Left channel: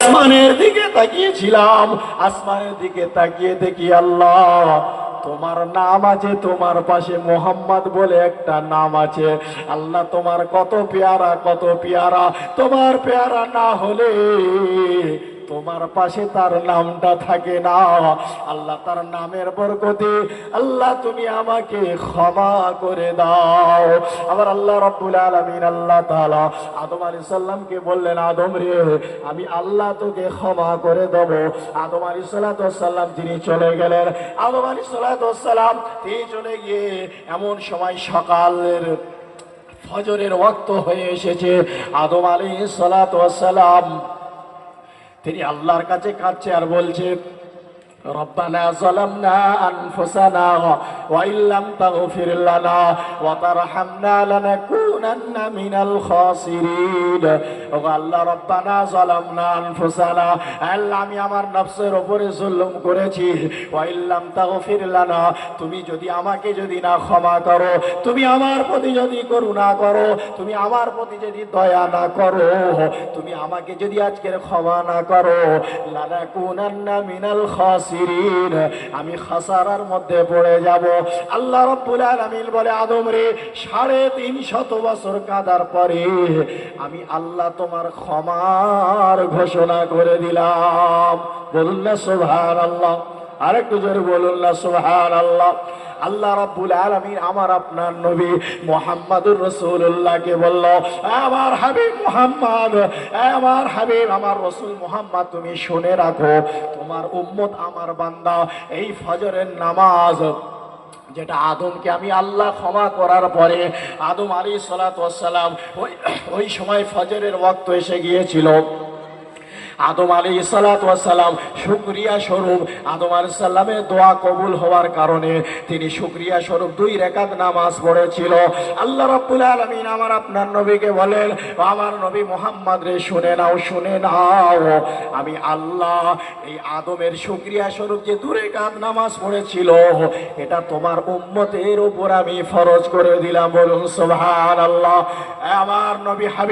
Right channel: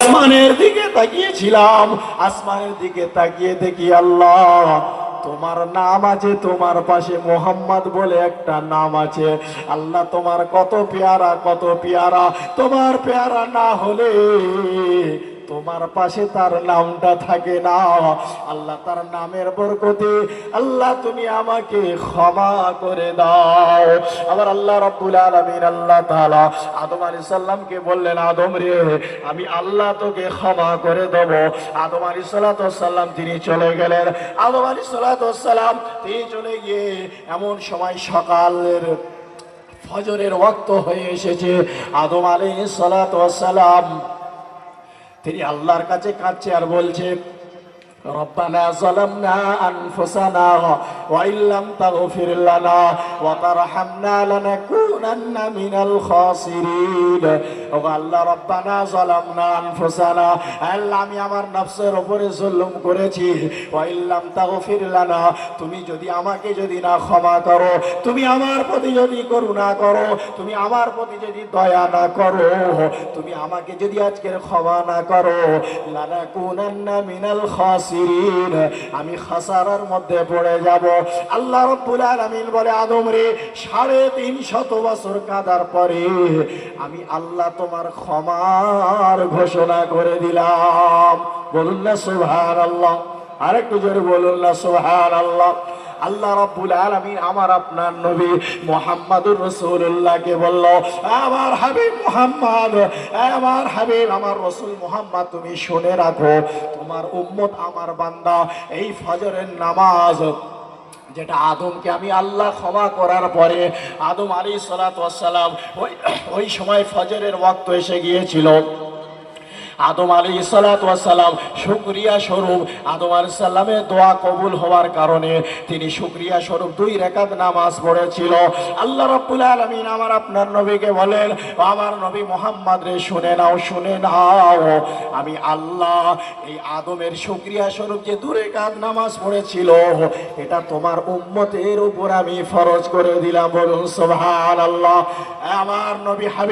আসমানের দিকে তাকিয়েছিলাম। আসমানের দিকে তাকিয়ে দেখি আল্লাহ, তোমার নাম আছে, তোমার পাশে মোহাম্মদ বলে একটা নাম আছে। আল্লাহ তোমার কত পেয়ারা কত পেয়ারা, তোমার পেয়ারা না হলে তোমার পাশে তার নামটা থাকে না। আল্লাহ তার নামের বরকতে আল্লাহ তুমি আমাকে ক্ষমা করে দাও। আবার আল্লাহ রব্বুল আলামিন আল্লাহ তাআলা আদম আলাইহিস সালামকে বললেন, আদম রে, আমি আল্লাহ তোকে ক্ষমা করে দেব। আদম আলাইহিস সালাতু সালাম তিনি চলে গেলেন। আদম আলাইহিস সালাতু সালাম তিনি চলে গিয়ে এমন সময় সকালের ফজরের ওয়াক্ত হয়ে এসেছে। আদম সালাতু সালাম তিনি আল্লাহর কাছে কাঁদছে আর বলছে ربنا ظلمنا أنفسنا وإن لم تغفر لنا وترحمنا لنكونن من الخاسرين ও আল্লাহ রব্বানা ظلمنا أنفسنا আল্লাহ আমি আমার নফসের উপরে জুলুম করেছি ওয়াইল্লাম তাগফির লানা তুমি যদি আমাকে যদি না ক্ষমা করো তুমি আমার প্রতি যদি করুণা করো তুমি আমার প্রতি যদি দয়া না করো তুমি আমাকে যদি আজকের ক্ষমা না করো লানা কুনান্না মিনাল খাসিরিন আমি খাসারার মধ্যে পড়ে যাব। আল্লাহ রব্বুল আলামিন বলে, আদম রে, সাড়ে তিন শত বছর কাদার পরে আমি আল্লাহ তোমার ক্ষমার ঘোষণা করে দিলাম। বলুন না সুবহানাল্লাহ। আরেকটু জোরে বলুন না সুবহান আল্লাহ আল্লাহ রব্বুল আলামিন আমার আপনার নবী মোহাম্মদুর রসুল্লাহকে বলল, আমার হাবিব মোহাম্মদ, আমার হাবিব, আমার রসুল মোহাম্মদ, তুমি শুনে রাখো, তোমার উম্মত আমার বান্দা, এই ফজরের নামাজ, যেটা আদমকে আমি আল্লাহ ক্ষমা করার পরে আদম আলী সালাতাম ওই ওই সময় ফজরের ওয়াক্ত এসে গিয়েছিল। আদম আলী সালাম শুক্রিয়া স্বরূপ আদম আলী সাল্লামের দোয়া কবুল হওয়ার কারণে তিনি শুক্রিয়া স্বরূপ দুই রেখাত নামাজ পড়েছিল। আল্লাহ রব্বুল আলমিন আমার আপনার নবীকে বলেন, আমার নবী মোহাম্মদ রে শুনে নাও শুনে নাও। আমি আল্লাহ এই আদমের শুক্রিয়া স্বরূপ যে দূরে কাত নামাজ পড়েছিল, এটা তোমার উম্মতের উপর আমি ফরজ করে দিলাম। বলুন সোভান আল্লাহ আমার নবী হাবিব